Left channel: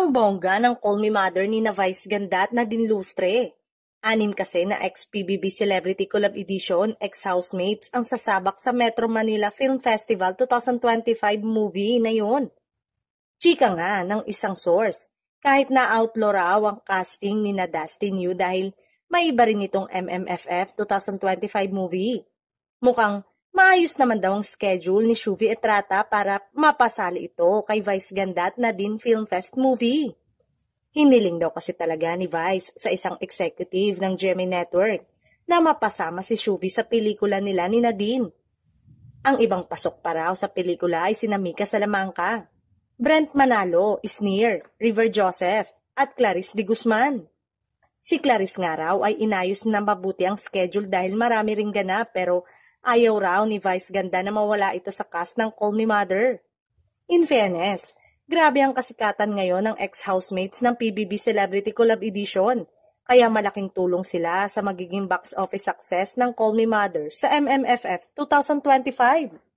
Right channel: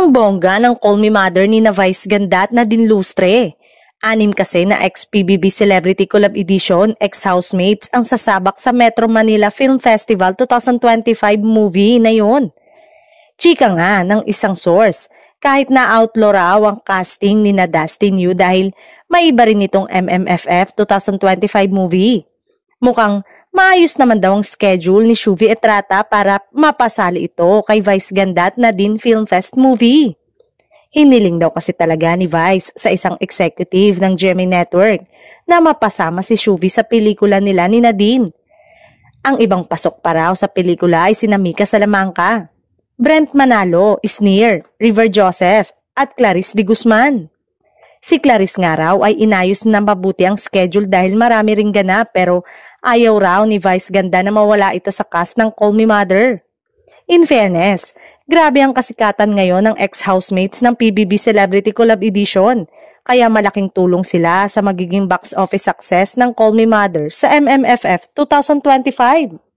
Ang bongga ng Call Me Mother ni na Vice Ganda at Nadine Lustre. 6 kasi na ex-PBB Celebrity Collab Edition, ex-housemates ang sasabak sa Metro Manila Film Festival 2025 movie na yun. Chika nga ng isang source, kahit na-outlaw raw ang casting ni na Dustin Yu dahil may iba rin itong MMFF 2025 movie. Mukhang maayos naman daw ang schedule ni Shuvi Etrata para mapasali ito kay Vice Ganda at Nadine Film Fest movie. Hiniling daw kasi talaga ni Vice sa isang executive ng GMA Network na mapasama si Shuvi sa pelikula nila ni Nadine. Ang ibang pasok pa raw sa pelikula ay sina Mika Salamanca, Brent Manalo, Isnir, River Joseph at Clarice de Guzman. Si Clarice nga raw ay inayos na mabuti ang schedule dahil marami ring ganap pero ayaw raw ni Vice Ganda na mawala ito sa cast ng Call Me Mother. In fairness, grabe ang kasikatan ngayon ng ex-housemates ng PBB Celebrity Collab Edition, kaya malaking tulong sila sa magiging box office success ng Call Me Mother sa MMFF 2025.